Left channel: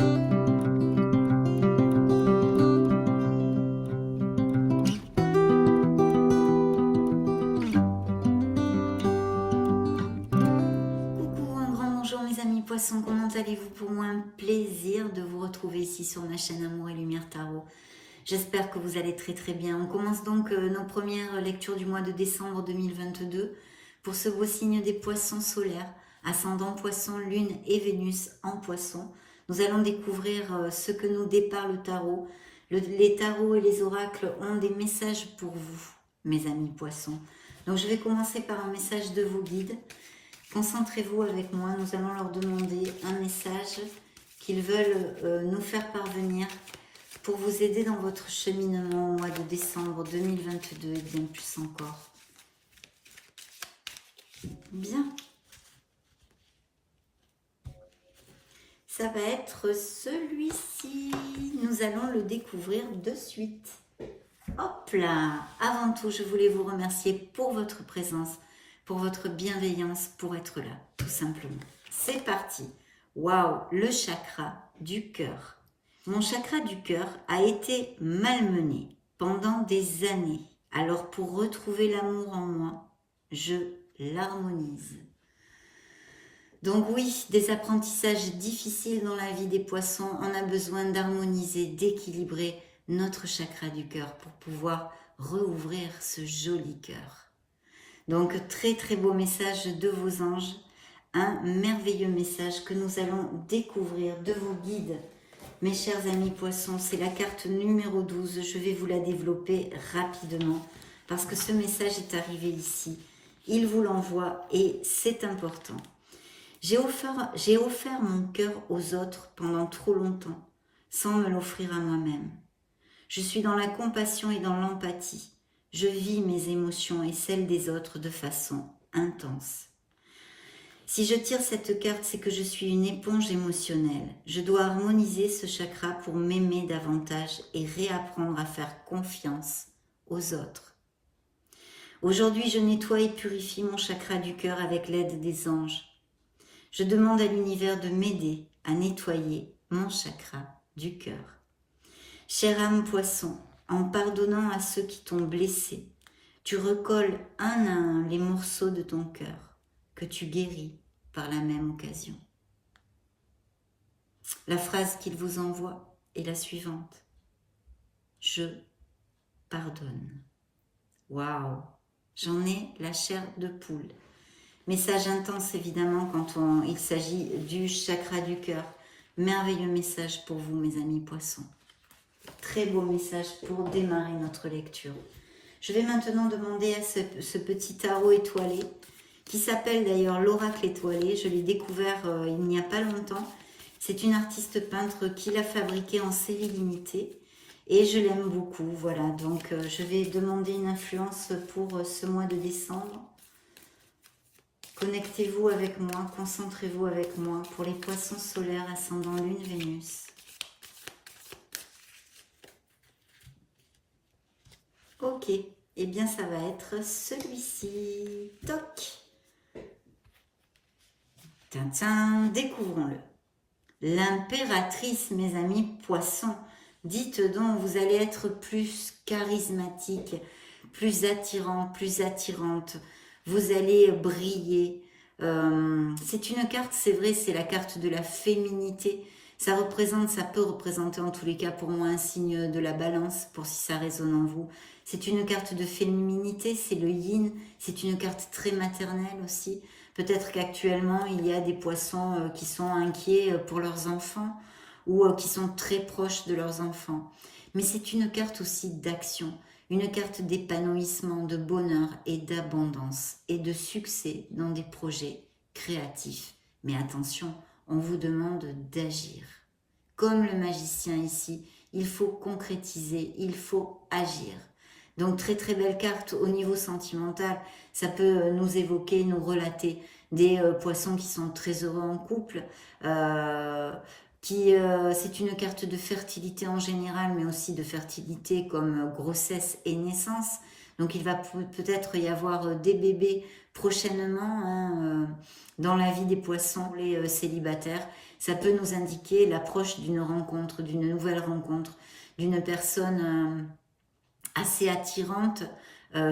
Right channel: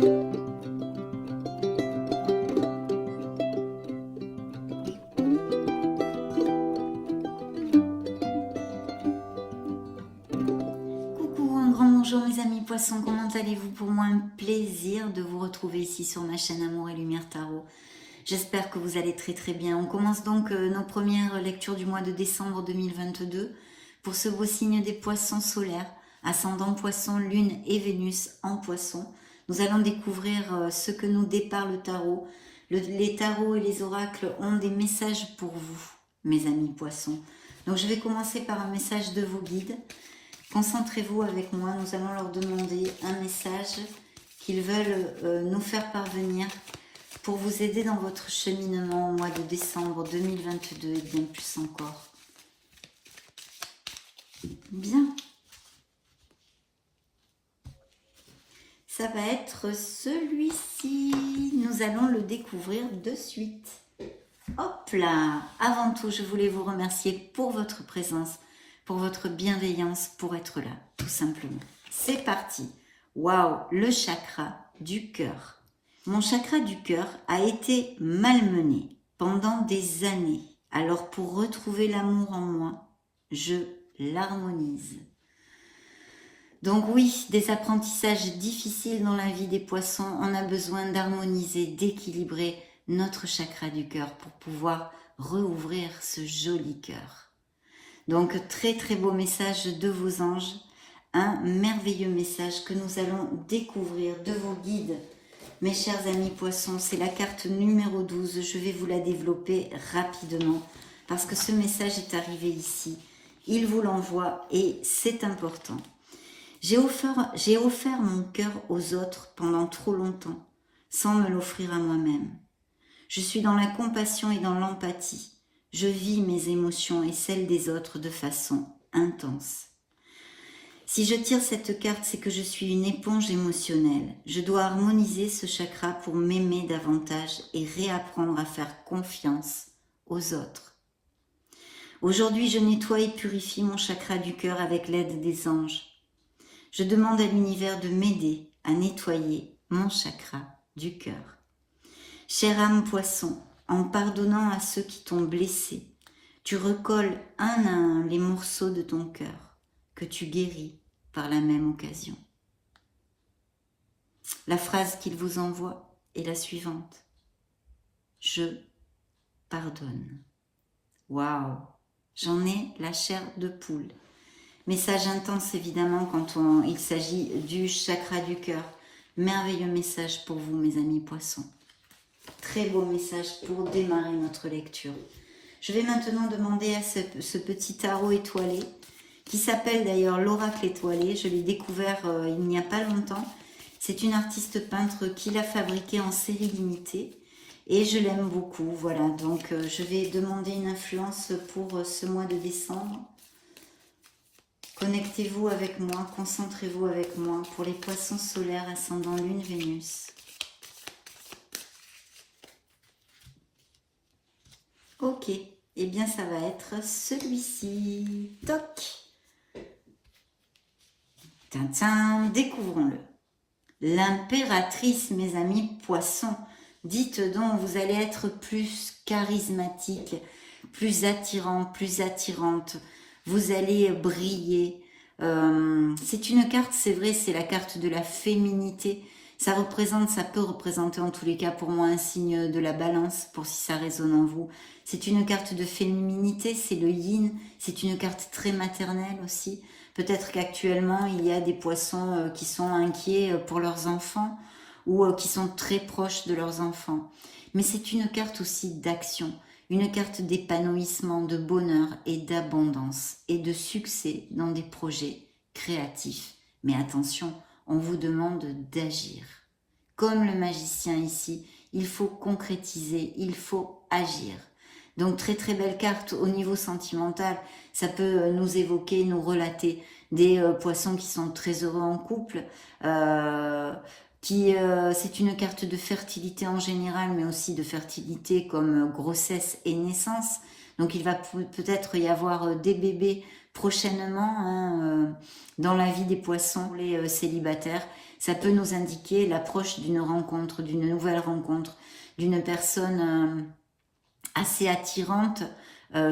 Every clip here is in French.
Coucou, un grand bonjour mes amis poissons, comment allez-vous? Pour moi un plaisir de vous retrouver ici sur ma chaîne Amour et Lumière Tarot. J'espère que vous allez très bien. On commence donc nos premières lectures du mois de décembre 2022 pour ce beau signe des poissons solaires, ascendant poisson, lune et Vénus en poisson. Nous allons découvrir ce que nous dépare le tarot. Les tarots et les oracles ont des messages pour vous, mes amis poissons. Donc je vais commencer par un message de vos guides. Concentrez-vous avec moi, nous allons leur demander un message qu'ils veulent nous faire parvenir pour vous aider dans votre cheminement au mois de décembre 2022 et bien plus encore. Bien. Ça va être celui-ci. Nous allons le découvrir de suite. Hop là! Avant tout, je voulais vous remercier pour votre présence, pour votre bienveillance, pour être là, tout simplement. C'est parti. Waouh, le chakra du cœur. Mon chakra du cœur a été malmené pendant des années. Alors pour retrouver l'amour en moi, je l'harmonise. Donc oui, des apprentissages difficiles dans la vie des poissons, on a besoin d'harmoniser, d'équilibrer notre chakra du cœur pour pouvoir rouvrir ce joli cœur. Donc très beau message de vos anges, un merveilleux message que nous allons découvrir de vos guides. Mes chers amis poissons, c'est la carte numéro 12, je vais vous la développer rapidement parce que ce message est arrivé ici, il vous l'envoie et c'est important. J'ai offert mon cœur aux autres pendant trop longtemps, sans me l'offrir à moi-même. Je suis dans la compassion et dans l'empathie. Je vis mes émotions et celles des autres de façon intense. Si je tire cette carte, c'est que je suis une éponge émotionnelle. Je dois harmoniser ce chakra pour m'aimer davantage et réapprendre à faire confiance aux autres. Aujourd'hui, je nettoie et purifie mon chakra du cœur avec l'aide des anges. Je demande à l'univers de m'aider à nettoyer mon chakra du cœur. Chère âme poisson, en pardonnant à ceux qui t'ont blessé, tu recolles un à un les morceaux de ton cœur que tu guéris par la même occasion. La phrase qu'il vous envoie est la suivante. Je pardonne. Waouh, j'en ai la chair de poule. Message intense évidemment quand il s'agit du chakra du cœur. Merveilleux message pour vous mes amis poissons. Très beau message pour démarrer notre lecture. Je vais maintenant demander à ce petit tarot étoilé, qui s'appelle d'ailleurs l'oracle étoilé. Je l'ai découvert il n'y a pas longtemps. C'est une artiste peintre qui l'a fabriqué en série limitée et je l'aime beaucoup. Voilà, donc je vais demander une influence pour ce mois de décembre. Connectez-vous avec moi, concentrez-vous avec moi pour les poissons solaires ascendant lune Vénus. Ok, et bien ça va être celui-ci. Toc. Tintin, découvrons-le. L'impératrice, mes amis poissons. Dites donc, vous allez être plus charismatique, plus attirant, plus attirante. Vous allez briller. C'est une carte, c'est vrai, c'est la carte de la féminité. Ça peut représenter en tous les cas pour moi un signe de la balance, pour si ça résonne en vous. C'est une carte de féminité, c'est le yin. C'est une carte très maternelle aussi. Peut-être qu'actuellement, il y a des poissons qui sont inquiets pour leurs enfants ou qui sont très proches de leurs enfants. Mais c'est une carte aussi d'action. Une carte d'épanouissement, de bonheur et d'abondance et de succès dans des projets créatifs. Mais attention, on vous demande d'agir. Comme le magicien ici, il faut concrétiser, il faut agir. Donc très belle carte au niveau sentimental. Ça peut nous évoquer, nous relater des poissons qui sont très heureux en couple, c'est une carte de fertilité en général, mais aussi de fertilité comme grossesse et naissance. Donc il va peut-être y avoir des bébés prochainement dans la vie des poissons, les célibataires. Ça peut nous indiquer l'approche d'une rencontre, d'une nouvelle rencontre, d'une personne assez attirante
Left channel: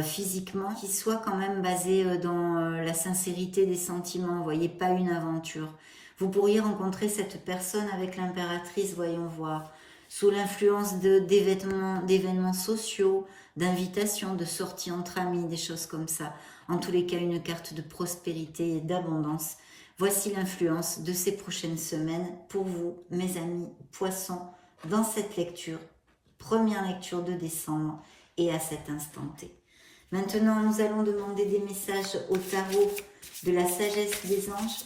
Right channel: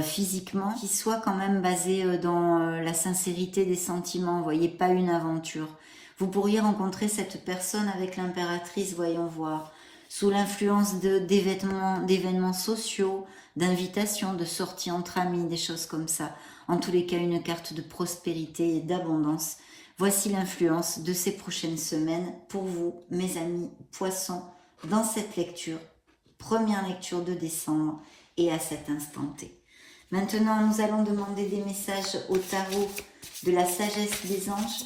physiquement, qui soit quand même basée dans la sincérité des sentiments, vous voyez, pas une aventure. Vous pourriez rencontrer cette personne avec l'impératrice, voyons voir, sous l'influence d'événements sociaux, d'invitations, de sorties entre amis, des choses comme ça. En tous les cas, une carte de prospérité et d'abondance. Voici l'influence de ces prochaines semaines pour vous, mes amis poissons, dans cette lecture, première lecture de décembre et à cet instant T. Maintenant, nous allons demander des messages au tarot de la sagesse des anges,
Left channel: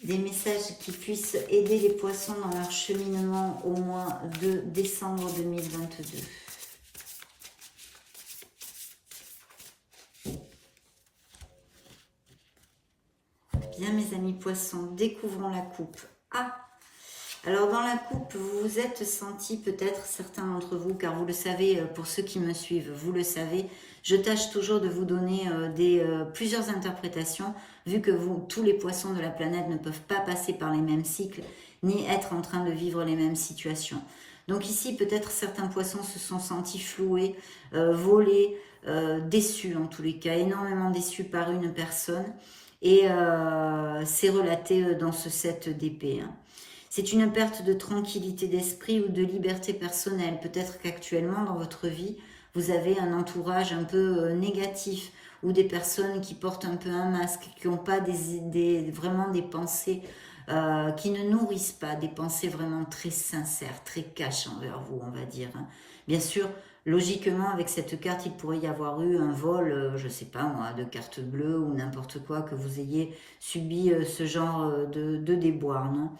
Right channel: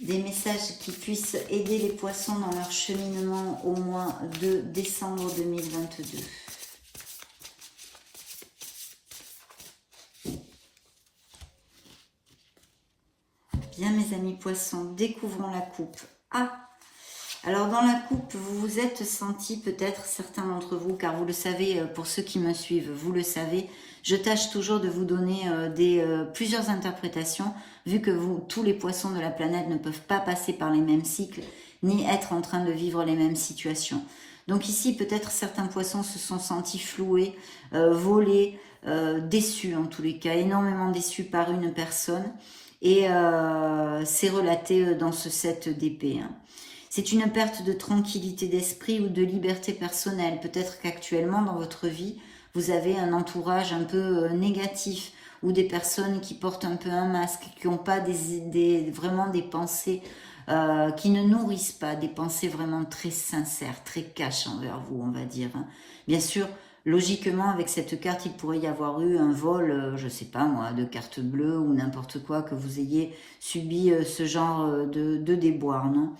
des messages qui puissent aider les poissons dans leur cheminement au mois de décembre 2022. Bien, mes amis poissons, découvrons la coupe. Ah, alors dans la coupe, vous vous êtes senti peut-être, certains d'entre vous, car vous le savez, pour ceux qui me suivent, vous le savez, je tâche toujours de vous donner plusieurs interprétations, vu que tous les poissons de la planète ne peuvent pas passer par les mêmes cycles, ni être en train de vivre les mêmes situations. Donc ici, peut-être certains poissons se sont sentis floués, volés, déçus en tous les cas, énormément déçus par une personne, et c'est relaté dans ce set d'épée. C'est une perte de tranquillité d'esprit ou de liberté personnelle. Peut-être qu'actuellement, dans votre vie, vous avez un entourage un peu négatif ou des personnes qui portent un peu un masque, qui n'ont pas vraiment des pensées, qui ne nourrissent pas, des pensées vraiment très sincères, très cash envers vous, on va dire. Bien sûr, logiquement, avec cette carte, il pourrait y avoir eu un vol, je ne sais pas moi, de carte bleue ou n'importe quoi, que vous ayez subi ce genre de déboire, non?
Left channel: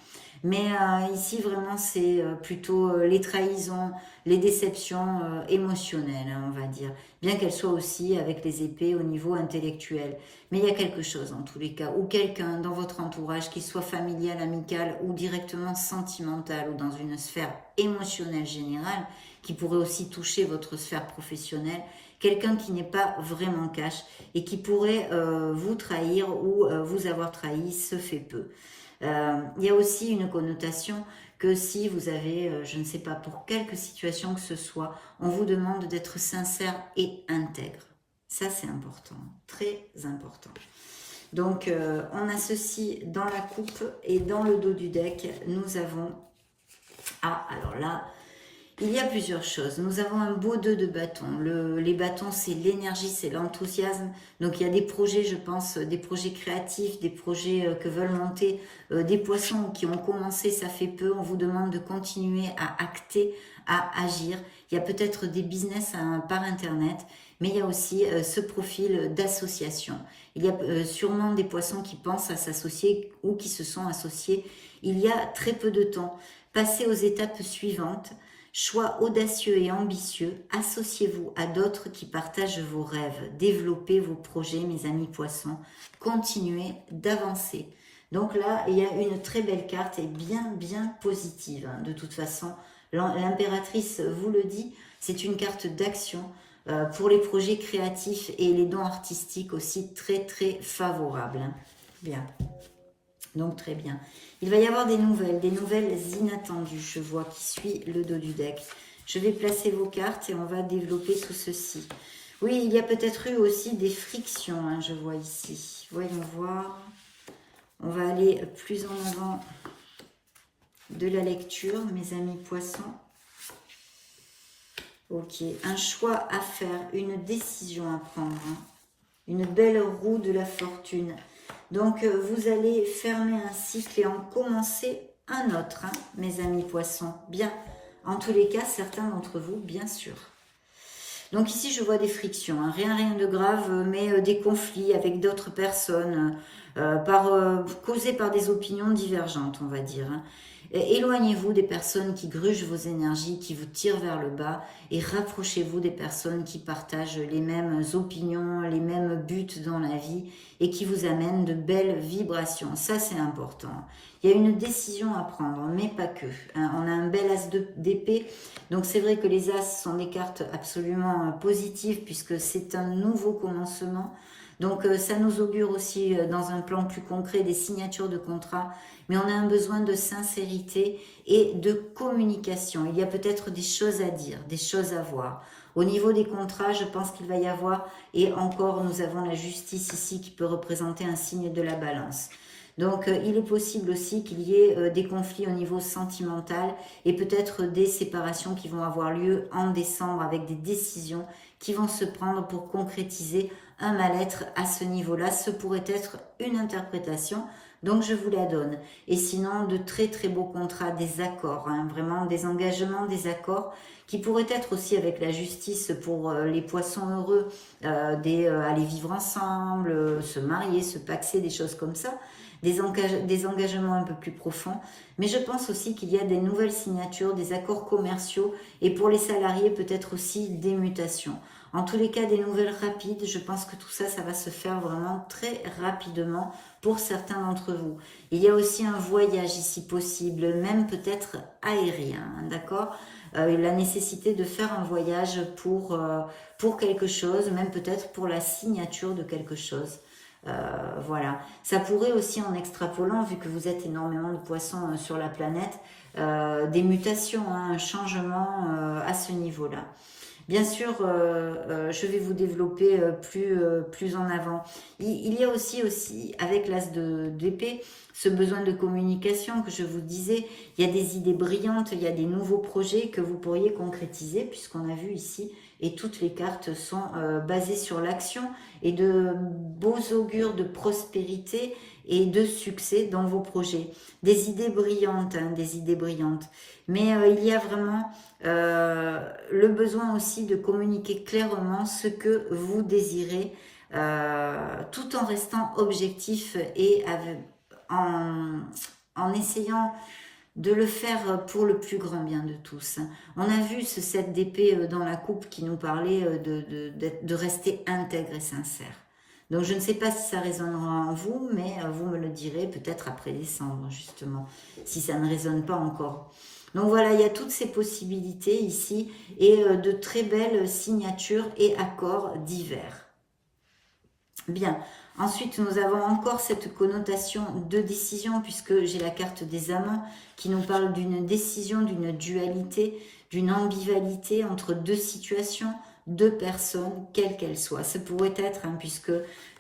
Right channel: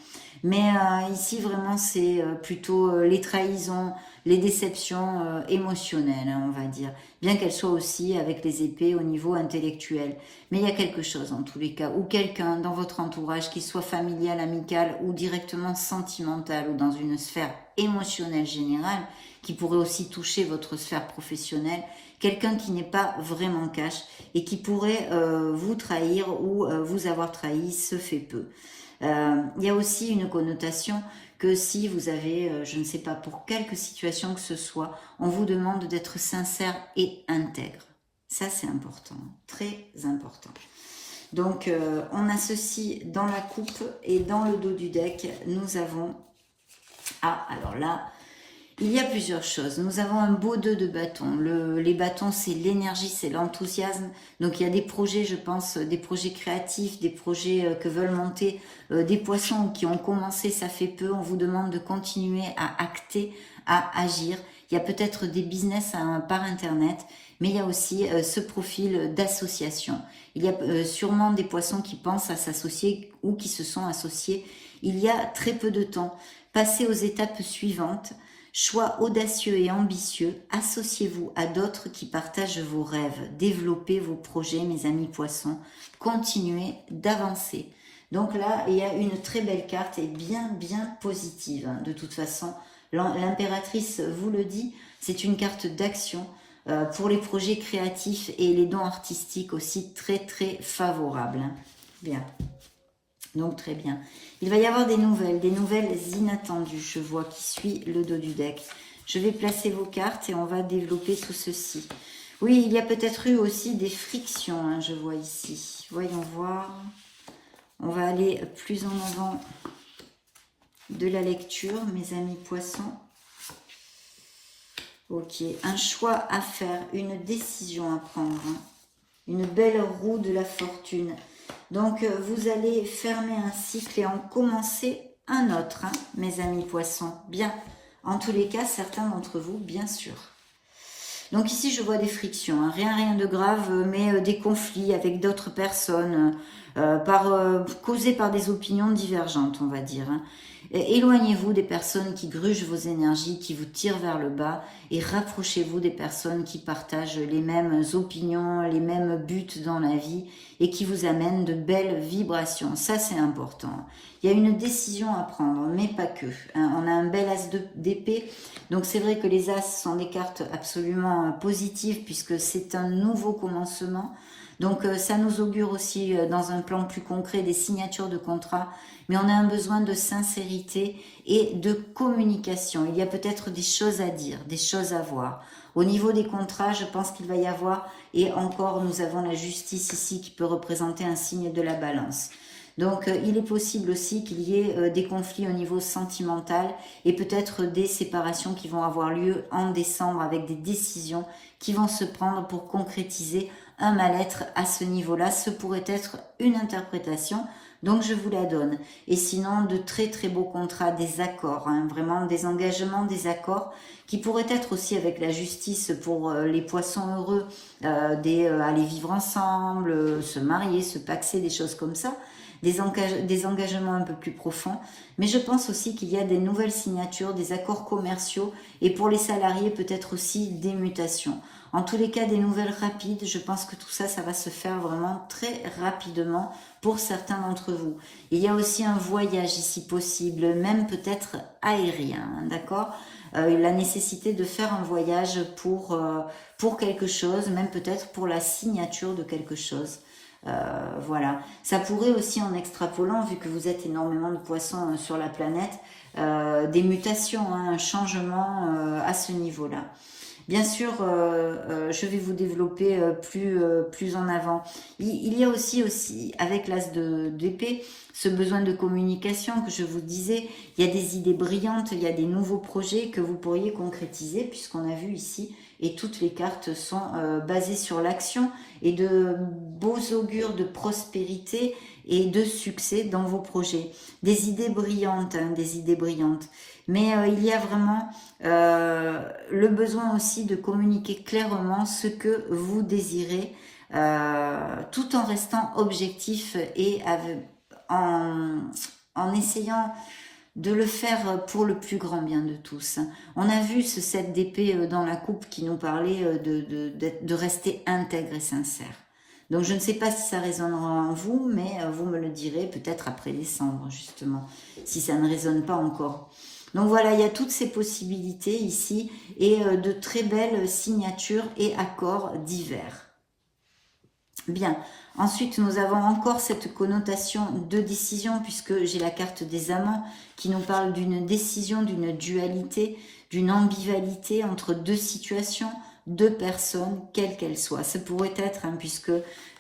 Mais ici, vraiment, c'est plutôt les trahisons, les déceptions émotionnelles, hein, on va dire. Bien qu'elles soient aussi avec les épées au niveau intellectuel. Mais il y a quelque chose, en tous les cas, ou quelqu'un dans votre entourage, qui soit familial, amical, ou directement sentimental, ou dans une sphère émotionnelle générale, qui pourrait aussi toucher votre sphère professionnelle, quelqu'un qui n'est pas vraiment cash, et qui pourrait vous trahir, ou vous avoir trahi, se fait peu. Il y a aussi une connotation que si vous avez, je ne sais pas, pour quelque situation que ce soit, on vous demande d'être sincère et intègre. Ça, c'est important, très important. Donc, on associe dans la coupe et dans le dos du deck, nous avons... Ah, alors là, il y a plusieurs choses. Nous avons un beau 2 de bâton. Les bâtons, c'est l'énergie, c'est l'enthousiasme. Donc, il y a des projets, je pense, des projets créatifs, des projets que veulent monter des poissons qui ont commencé, ça fait peu. On vous demande de continuer à acter, à agir. Il y a peut-être des business par Internet, mais il y a aussi ce profil d'association. Il y a sûrement des poissons qui pensent à s'associer ou qui se sont associés il y a très peu de temps. Passez aux étapes suivantes. Choix audacieux et ambitieux, associez-vous à d'autres qui partagent vos rêves, développez vos projets, mes amis poissons, continuez d'avancer. Donc là, il y a une très belle carte et bien positive. De toute façon, l'impératrice vous le dit, c'est une carte d'action pour les projets créatifs et les dons artistiques aussi très favorables. Bien. Donc très bien. Il va y avoir des nouvelles inattendues, je vois, qui suit le dos du deck. Je vais placer vos cartes et on va développer tout ceci. Oui, il y a peut-être eu aussi des frictions, hein, je vois ici. Voyons voir. On va aller plus en avant de la lecture, mes amis poissons. Ok, un choix à faire, une décision à prendre. Hein. Une belle roue de la fortune. Donc, vous allez fermer un cycle et en commencer un autre, hein, mes amis poissons. Bien, en tous les cas, certains d'entre vous, bien sûr. Donc ici, je vois des frictions, hein, rien de grave, mais des conflits avec d'autres personnes, causés par des opinions divergentes, on va dire. Hein. Éloignez-vous des personnes qui grugent vos énergies, qui vous tirent vers le bas, et rapprochez-vous des personnes qui partagent les mêmes opinions, les mêmes buts dans la vie, et qui vous amènent de belles vibrations. Ça, c'est important. Il y a une décision à prendre, mais pas que. Hein. On a un bel as d'épée, donc c'est vrai que les as sont des cartes absolument positives, puisque c'est un nouveau commencement. Donc ça nous augure aussi dans un plan plus concret des signatures de contrats mais on a un besoin de sincérité et de communication. Il y a peut-être des choses à dire, des choses à voir. Au niveau des contrats, je pense qu'il va y avoir, et encore nous avons la justice ici qui peut représenter un signe de la balance. Donc il est possible aussi qu'il y ait des conflits au niveau sentimental et peut-être des séparations qui vont avoir lieu en décembre avec des décisions qui vont se prendre pour concrétiser un mal-être à ce niveau-là. Ce pourrait être une interprétation, donc je vous la donne. Et sinon, de très très beaux contrats, des accords, hein, vraiment des engagements, des accords qui pourraient être aussi avec la justice pour les poissons heureux, aller vivre ensemble, se marier, se paxer, des choses comme ça. Des engagements un peu plus profonds, mais je pense aussi qu'il y a des nouvelles signatures, des accords commerciaux et pour les salariés peut-être aussi des mutations. En tous les cas, des nouvelles rapides, je pense que tout ça, ça va se faire vraiment très rapidement pour certains d'entre vous. Il y a aussi un voyage ici possible, même peut-être aérien, d'accord ? La nécessité de faire un voyage pour quelque chose, même peut-être pour la signature de quelque chose. Voilà, ça pourrait aussi en extrapolant, vu que vous êtes énormément de poissons sur la planète, des mutations, hein, un changement à ce niveau-là. Bien sûr, je vais vous développer plus en avant. Il y a aussi avec l'as d'épée, ce besoin de communication que je vous disais. Il y a des idées brillantes, il y a des nouveaux projets que vous pourriez concrétiser, puisqu'on a vu ici, et toutes les cartes sont basées sur l'action et de beaux augures de prospérité et de succès dans vos projets. Des idées brillantes, hein, des idées brillantes. Mais il y a vraiment le besoin aussi de communiquer clairement ce que vous désirez, tout en restant objectif et en essayant de le faire pour le plus grand bien de tous. On a vu ce 7 d'épée dans la coupe qui nous parlait de rester intègre et sincère. Donc je ne sais pas si ça résonnera en vous, mais vous me le direz peut-être après décembre, justement, si ça ne résonne pas encore. Donc voilà, il y a toutes ces possibilités ici et de très belles signatures et accords divers. Bien, ensuite nous avons encore cette connotation de décision puisque j'ai la carte des amants qui nous parle d'une décision, d'une dualité, d'une ambivalité entre deux situations, deux personnes, quelles qu'elles soient. Ça pourrait être, hein, puisque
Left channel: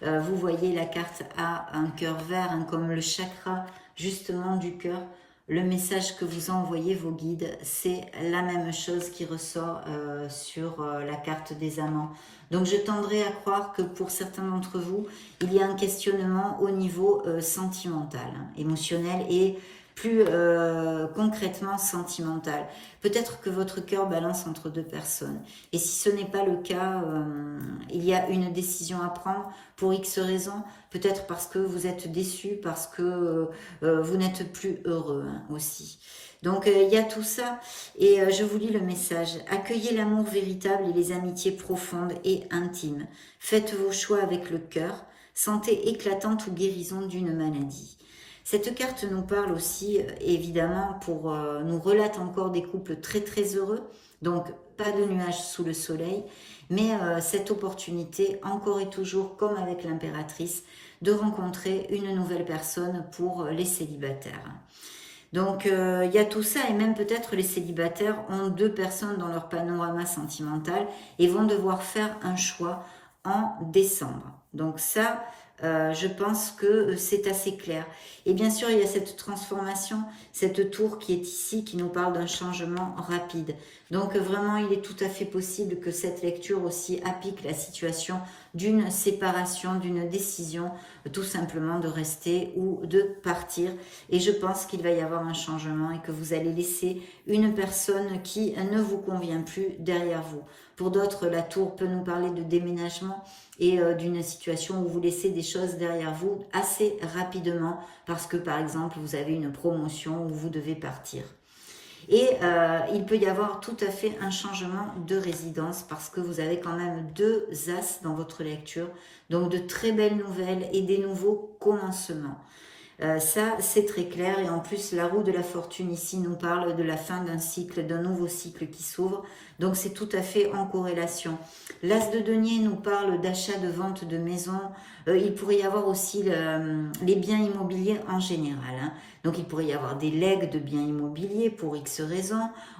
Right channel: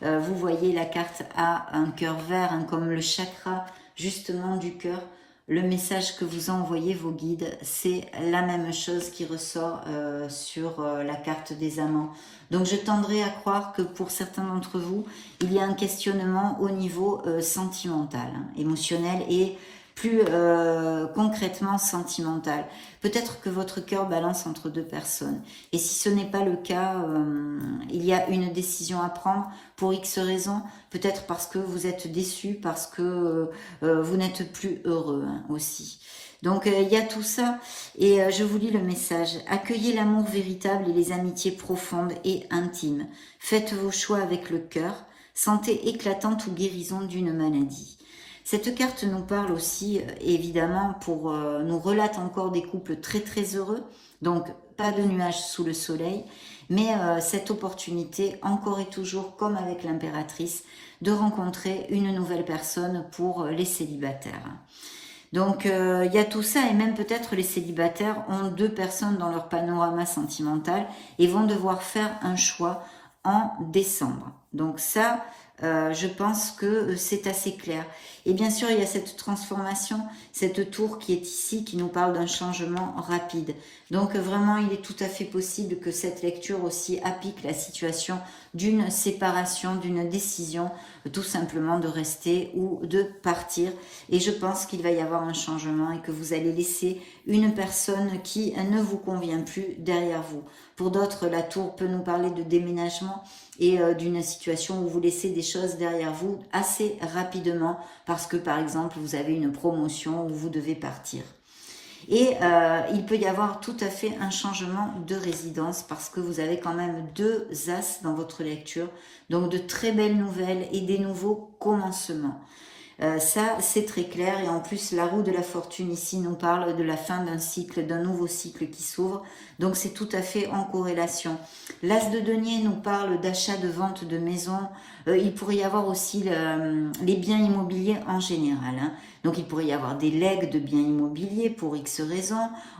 vous voyez la carte a un cœur vert, hein, comme le chakra justement du cœur. Le message que vous ont envoyé vos guides, c'est la même chose qui ressort sur la carte des amants. Donc je tendrai à croire que pour certains d'entre vous, il y a un questionnement au niveau sentimental, hein, émotionnel et plus concrètement sentimental. Peut-être que votre cœur balance entre deux personnes. Et si ce n'est pas le cas, il y a une décision à prendre pour X raisons. Peut-être parce que vous êtes déçu, parce que vous n'êtes plus heureux, hein, aussi. Donc il y a tout ça et je vous lis le message. Accueillez l'amour véritable et les amitiés profondes et intimes. Faites vos choix avec le cœur. Santé éclatante ou guérison d'une maladie. Cette carte nous parle aussi, évidemment, nous relate encore des couples très très heureux, donc pas de nuages sous le soleil, mais cette opportunité, encore et toujours, comme avec l'impératrice, de rencontrer une nouvelle personne pour les célibataires. Donc il y a tout ça et même peut-être les célibataires ont deux personnes dans leur panorama sentimental et vont devoir faire un choix en décembre. Donc ça, je pense que c'est assez clair. Et bien sûr, il y a cette transformation, cette tour qui est ici, qui nous parle d'un changement rapide. Donc vraiment, il est tout à fait possible que cette lecture aussi applique la situation d'une séparation, d'une décision, tout simplement de rester ou de partir. Et je pense qu'il va y avoir un changement et que vous allez laisser une personne qui ne vous convient plus derrière vous. Pour d'autres, la tour peut nous parler de déménagement et d'une situation où vous laissez des choses derrière vous assez rapidement parce que par exemple vous avez une promotion où vous devez partir. Et il peut y avoir tout à fait un changement de résidence parce que vous avez quand même deux as dans votre lecture, donc de très belles nouvelles et des nouveaux commencements. Ça, c'est très clair. Et en plus, la roue de la fortune ici nous parle de la fin d'un cycle, d'un nouveau cycle qui s'ouvre. Donc, c'est tout à fait en corrélation. L'As de denier nous parle d'achat, de vente de maison. Il pourrait y avoir aussi les biens immobiliers en général. Hein. Donc, il pourrait y avoir des legs de biens immobiliers pour X raisons,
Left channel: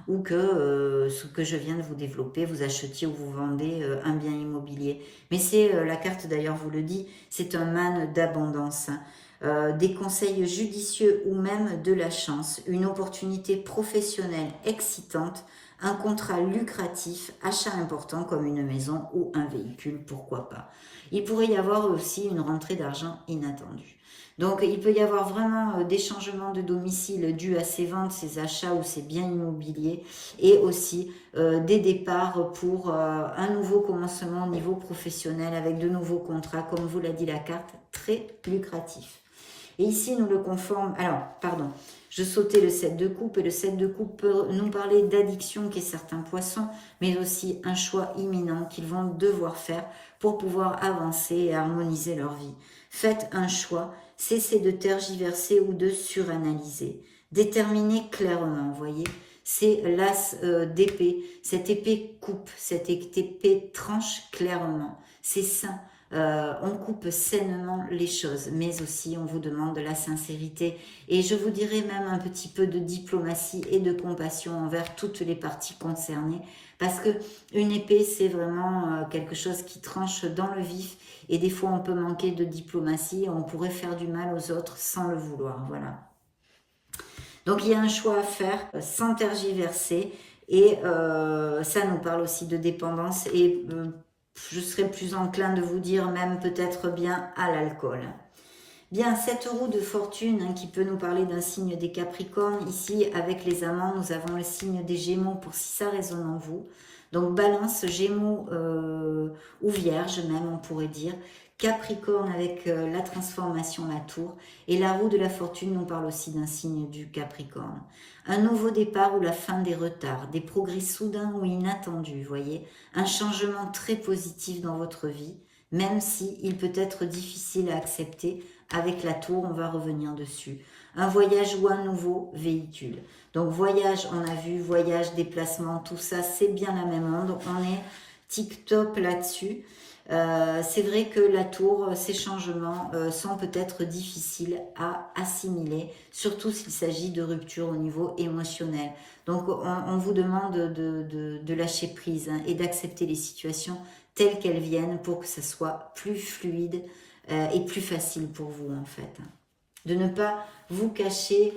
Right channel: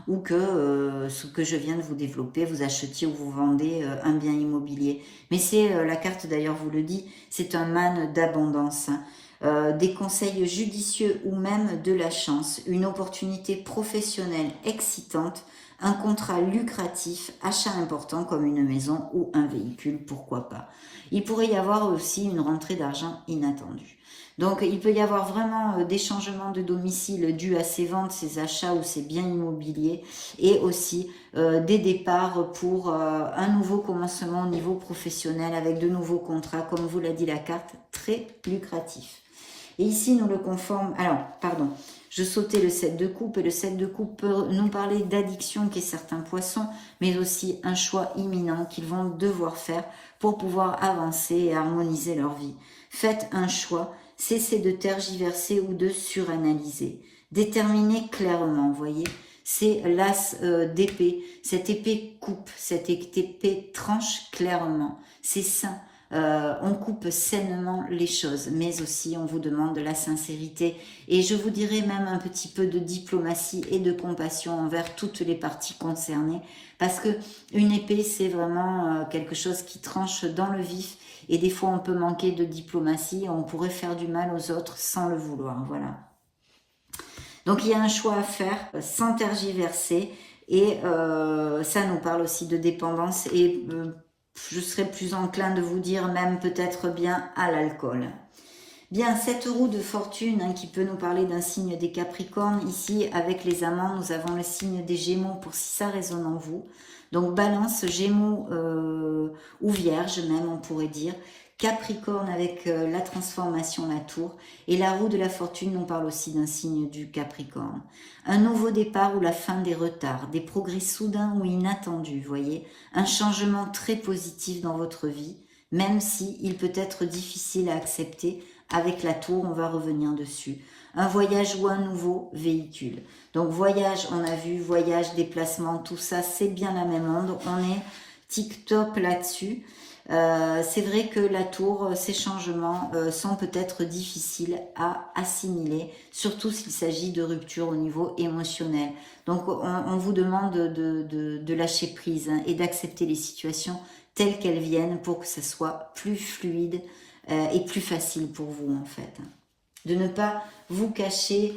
ou que ce que je viens de vous développer, vous achetiez ou vous vendez un bien immobilier. Mais c'est, la carte d'ailleurs vous le dit, c'est un man d'abondance. Des conseils judicieux ou même de la chance, une opportunité professionnelle excitante, un contrat lucratif, achat important comme une maison ou un véhicule, pourquoi pas. Il pourrait y avoir aussi une rentrée d'argent inattendue. Donc il peut y avoir vraiment des changements de domicile dus à ces ventes, ces achats ou ces biens immobiliers, et aussi des départs pour un nouveau commencement au niveau professionnel avec de nouveaux contrats, comme vous l'a dit la carte, très lucratif. Et ici, nous le conforme... Alors, pardon, je sautais le 7 de coupe, et le 7 de coupe peut nous parler d'addiction qu'est certains poissons, mais aussi un choix imminent qu'ils vont devoir faire pour pouvoir avancer et harmoniser leur vie. Faites un choix, cessez de tergiverser ou de suranalyser. Déterminez clairement, vous voyez, c'est l'as d'épée. Cette épée coupe, cette épée tranche clairement. C'est sain. On coupe sainement les choses, mais aussi on vous demande de la sincérité, et je vous dirais même un petit peu de diplomatie et de compassion envers toutes les parties concernées, parce que une épée, c'est vraiment quelque chose qui tranche dans le vif, et des fois on peut manquer de diplomatie, on pourrait faire du mal aux autres sans le vouloir, voilà. Donc il y a un choix à faire sans tergiverser, et ça nous parle aussi de dépendance, et je serais plus enclin de vous dire même peut-être bien à l'alcool. Bien, cette roue de fortune hein, qui peut nous parler d'un signe des Capricornes. Ici, avec les amants, nous avons le signe des Gémeaux pour si ça résonne en vous. Donc, Balance, Gémeaux ou Vierge même, on pourrait dire. Capricorne avec la transformation, la tour. Et la roue de la fortune nous parle aussi d'un signe du Capricorne. Un nouveau départ ou la fin des retards, des progrès soudains ou inattendus, voyez. Un changement très positif dans votre vie, même si il peut être difficile à accepter. Avec la tour, on va revenir dessus. Un voyage ou un nouveau véhicule. Donc voyage, on a vu, voyage, déplacement, tout ça, c'est bien la même onde. On est tip-top là-dessus. C'est vrai que la tour, ces changements sont peut-être difficiles à assimiler, surtout s'il s'agit de rupture au niveau émotionnel. Donc on vous demande de lâcher prise hein, et d'accepter les situations telles qu'elles viennent pour que ça soit plus fluide et plus facile pour vous en fait. De ne pas vous cacher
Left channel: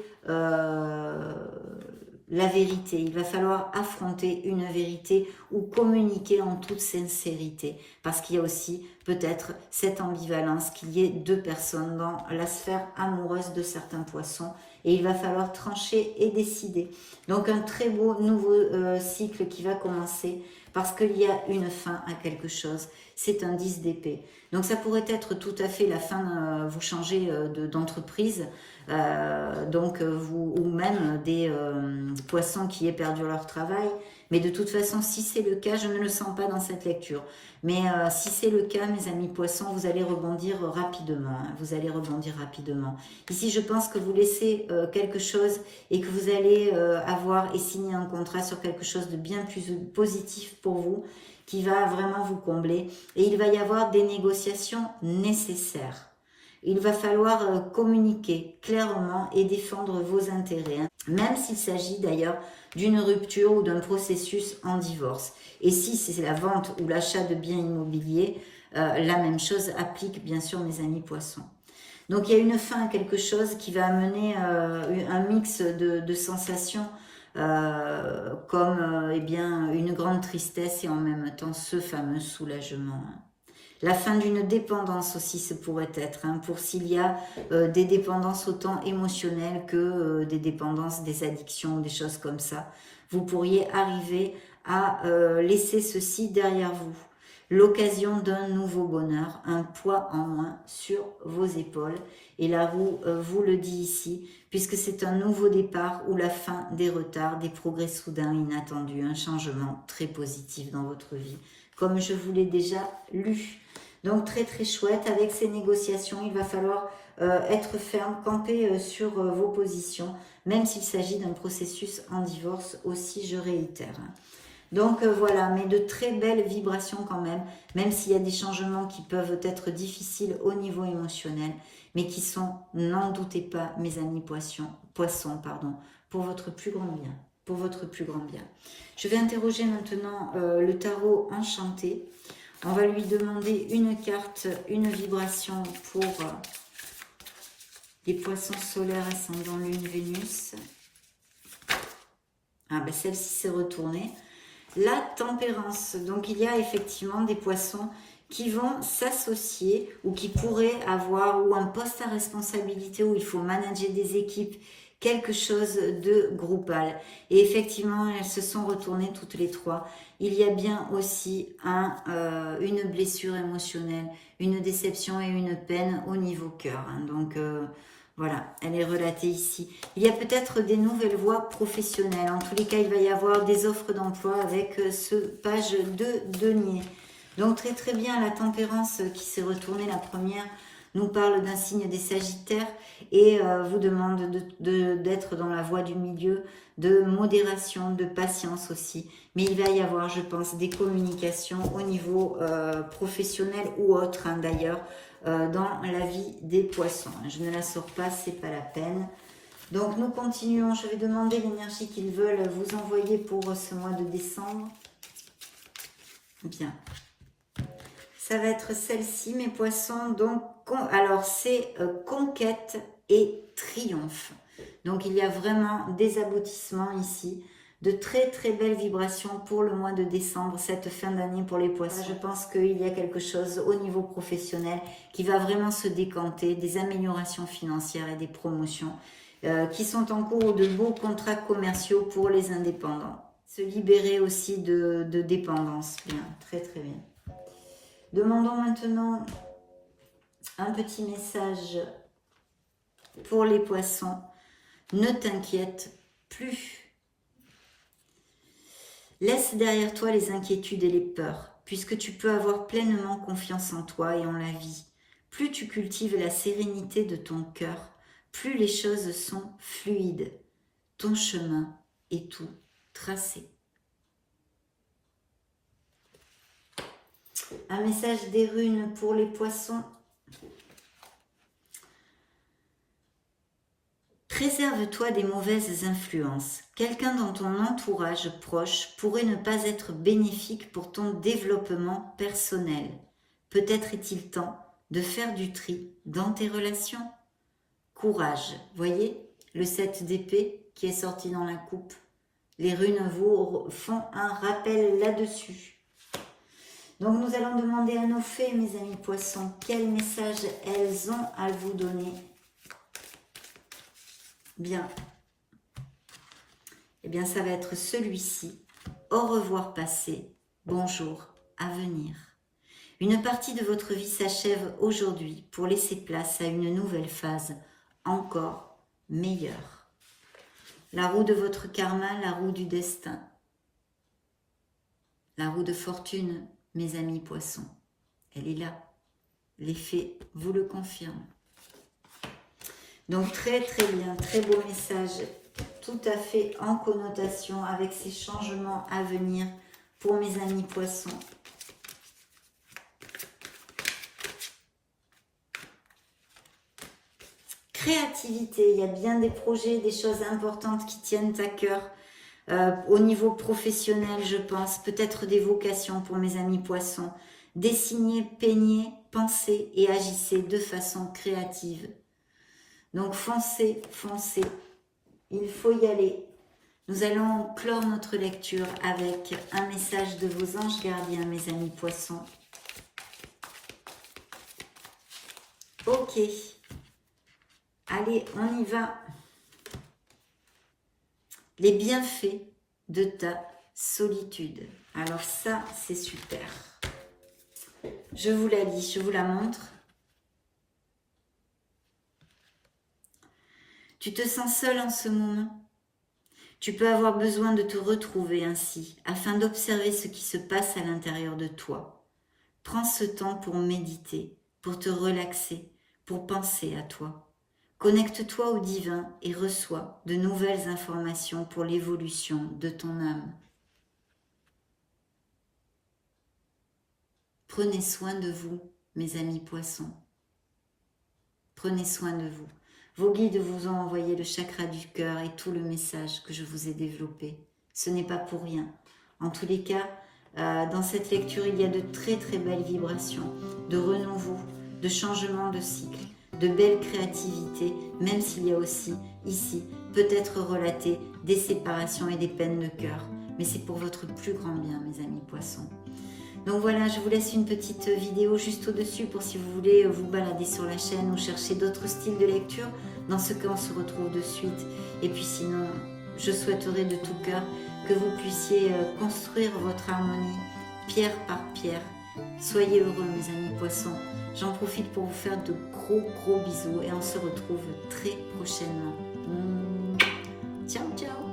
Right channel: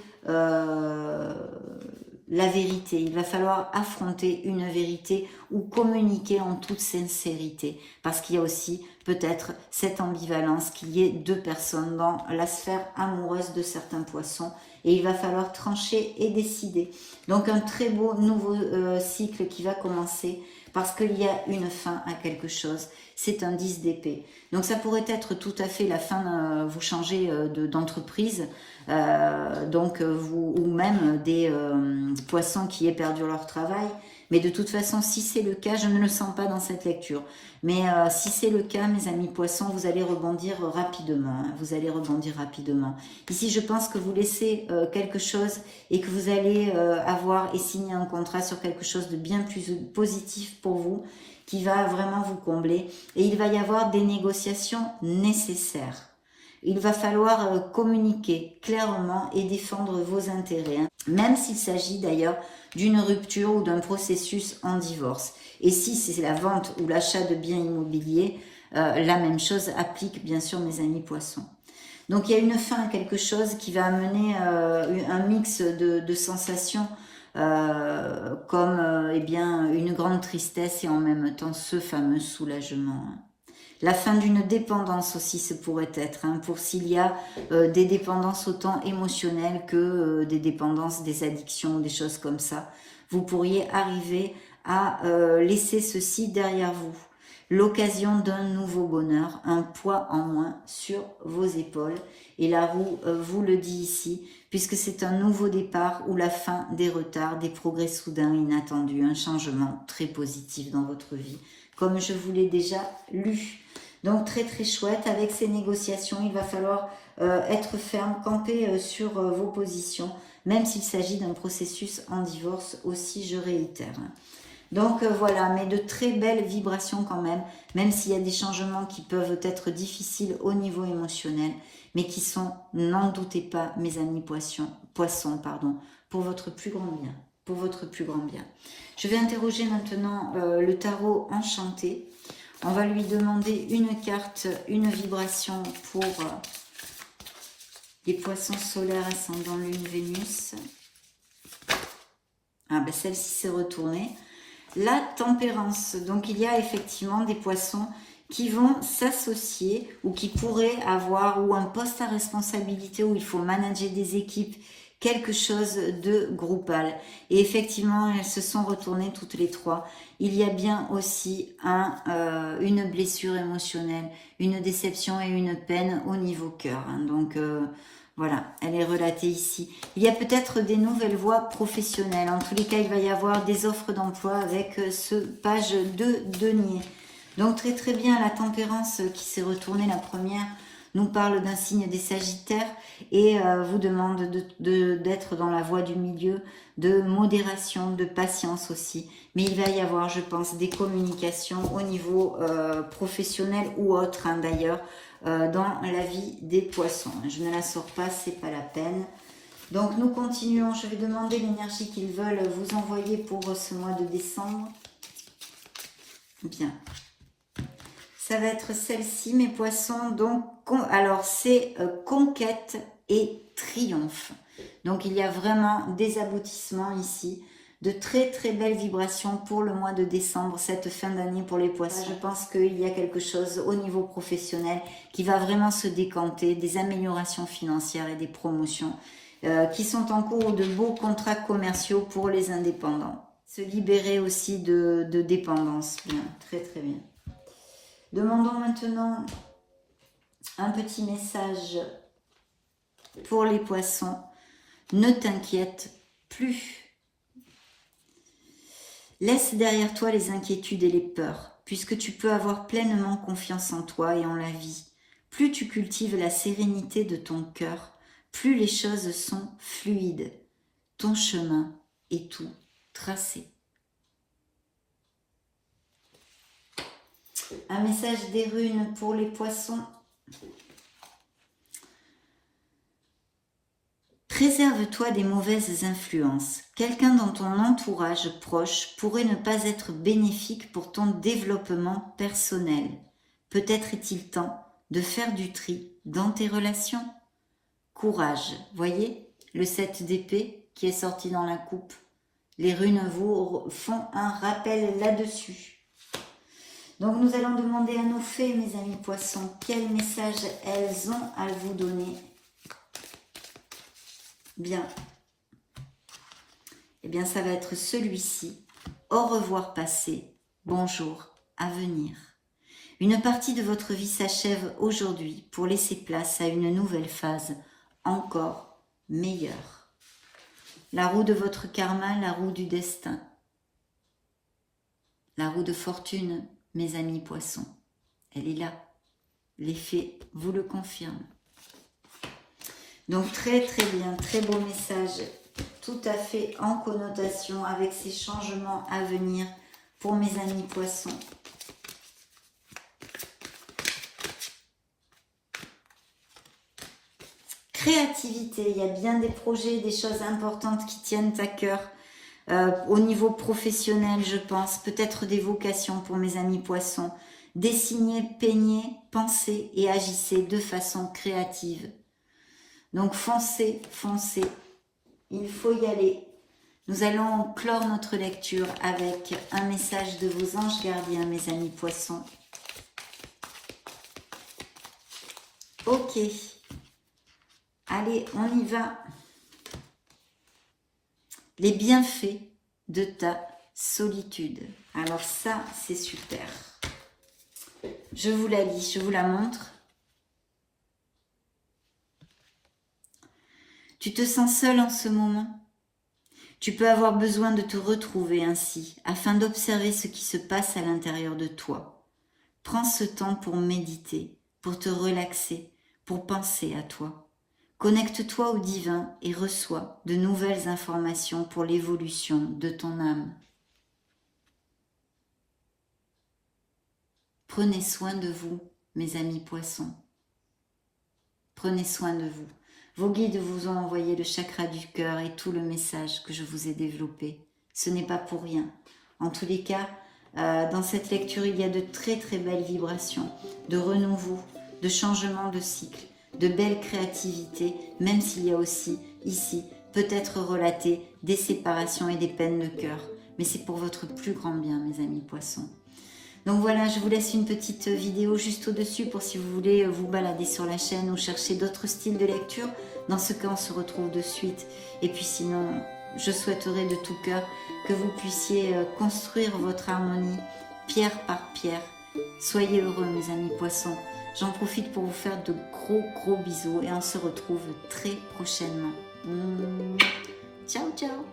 la vérité. Il va falloir affronter une vérité ou communiquer en toute sincérité, parce qu'il y a aussi peut-être cette ambivalence qu'il y ait deux personnes dans la sphère amoureuse de certains poissons, et il va falloir trancher et décider. Donc un très beau nouveau cycle qui va commencer, parce qu'il y a une fin à quelque chose. C'est un 10 d'épée. Donc ça pourrait être tout à fait la fin, vous changez d'entreprise, ou même des poissons qui aient perdu leur travail. Mais de toute façon, si c'est le cas, je ne le sens pas dans cette lecture. Mais si c'est le cas, mes amis poissons, vous allez rebondir rapidement. Hein, vous allez rebondir rapidement. Ici, je pense que vous laissez quelque chose et que vous allez avoir et signer un contrat sur quelque chose de bien plus positif pour vous, qui va vraiment vous combler. Et il va y avoir des négociations nécessaires. Il va falloir communiquer clairement et défendre vos intérêts, hein, même s'il s'agit d'ailleurs d'une rupture ou d'un processus en divorce. Et si c'est la vente ou l'achat de biens immobiliers, la même chose applique bien sûr mes amis poissons. Donc il y a une fin à quelque chose qui va amener un mix de sensations comme eh bien, une grande tristesse et en même temps ce fameux soulagement. Hein. La fin d'une dépendance aussi, ce pourrait être, hein, pour s'il y a des dépendances autant émotionnelles que des dépendances, des addictions, des choses comme ça. Vous pourriez arriver à laisser ceci derrière vous. L'occasion d'un nouveau bonheur, un poids en moins sur vos épaules. Et la roue vous le dit ici, puisque c'est un nouveau départ ou la fin des retards, des progrès soudains, inattendus, un changement très positif dans votre vie, comme je vous l'ai déjà lu. Donc très très chouette, avec ces négociations, il va falloir être ferme, camper sur vos positions, même s'il s'agit d'un processus en divorce aussi, je réitère. Donc voilà, mais de très belles vibrations quand même s'il y a des changements qui peuvent être difficiles au niveau émotionnel, mais qui sont, n'en doutez pas, mes amis poissons, pardon, pour votre plus grand bien. Pour votre plus grand bien. Je vais interroger maintenant le tarot enchanté. On va lui demander une carte, une vibration pour les poissons solaires ascendant Lune Vénus. Ah ben celle-ci s'est retournée. La tempérance. Donc il y a effectivement des poissons qui vont s'associer ou qui pourraient avoir ou un poste à responsabilité où il faut manager des équipes, quelque chose de groupal. Et effectivement, elles se sont retournées toutes les trois. Il y a bien aussi une blessure émotionnelle, une déception et une peine au niveau cœur. Donc voilà, elle est relatée ici. Il y a peut-être des nouvelles voies professionnelles. En tous les cas, il va y avoir des offres d'emploi avec ce page de denier. Donc très très bien, la tempérance qui s'est retournée, la première, nous parle d'un signe des Sagittaires et vous demande d'être dans la voie du milieu, de modération, de patience aussi. Mais il va y avoir, je pense, des communications au niveau professionnel ou autre d'ailleurs, dans la vie des poissons. Je ne la sors pas, c'est pas la peine. Donc nous continuons, je vais demander l'énergie qu'ils veulent vous envoyer pour ce mois de décembre. Bien. Ça va être celle-ci, mes poissons. Donc, alors, c'est conquête et triomphe. Donc, il y a vraiment des aboutissements ici. De très, très belles vibrations pour le mois de décembre, cette fin d'année pour les poissons. Je pense qu'il y a quelque chose au niveau professionnel qui va vraiment se décanter. Des améliorations financières et des promotions qui sont en cours, de beaux contrats commerciaux pour les indépendants. Se libérer aussi de dépendance. Bien, très, très bien. Demandons maintenant un petit message pour les poissons. Ne t'inquiète plus. Laisse derrière toi les inquiétudes et les peurs, puisque tu peux avoir pleinement confiance en toi et en la vie. Plus tu cultives la sérénité de ton cœur, plus les choses sont fluides. Ton chemin est tout tracé. Un message des runes pour les poissons. Préserve-toi des mauvaises influences. Quelqu'un dans ton entourage proche pourrait ne pas être bénéfique pour ton développement personnel. Peut-être est-il temps de faire du tri dans tes relations. Courage. Voyez le 7 d'épée qui est sorti dans la coupe. Les runes vous font un rappel là-dessus. Donc nous allons demander à nos fées, mes amis poissons, quel message elles ont à vous donner. Bien. Eh bien, ça va être celui-ci. Au revoir passé, bonjour à venir. Une partie de votre vie s'achève aujourd'hui pour laisser place à une nouvelle phase encore meilleure. La roue de votre karma, la roue du destin. La roue de fortune, mes amis poissons, elle est là. Les fées vous le confirment. Donc très très bien, très beau message, tout à fait en connotation avec ces changements à venir pour mes amis poissons. Créativité, il y a bien des projets, des choses importantes qui tiennent à cœur. Au niveau professionnel, je pense, peut-être des vocations pour mes amis poissons. Dessinez, peignez, pensez et agissez de façon créative. Donc foncez, foncez, il faut y aller. Nous allons clore notre lecture avec un message de vos anges gardiens, mes amis poissons. Ok, allez, on y va. Les bienfaits de ta solitude. Alors ça, c'est super. Je vous la lis, je vous la montre. Tu te sens seul en ce moment? Tu peux avoir besoin de te retrouver ainsi, afin d'observer ce qui se passe à l'intérieur de toi. Prends ce temps pour méditer, pour te relaxer, pour penser à toi. Connecte-toi au divin et reçois de nouvelles informations pour l'évolution de ton âme. Prenez soin de vous, mes amis poissons. Prenez soin de vous. Vos guides vous ont envoyé le chakra du cœur et tout le message que je vous ai développé. Ce n'est pas pour rien. En tous les cas, dans cette lecture, il y a de très très belles vibrations, de renouveau, de changement de cycle, de belles créativités, même s'il y a aussi ici peut-être relaté des séparations et des peines de cœur. Mais c'est pour votre plus grand bien, mes amis poissons. Donc voilà, je vous laisse une petite vidéo juste au-dessus pour si vous voulez vous balader sur la chaîne ou chercher d'autres styles de lecture. Dans ce cas, on se retrouve de suite. Et puis sinon, je souhaiterais de tout cœur que vous puissiez construire votre harmonie pierre par pierre. Soyez heureux, mes amis poissons. J'en profite pour vous faire de gros bisous et on se retrouve très prochainement. Ciao, ciao!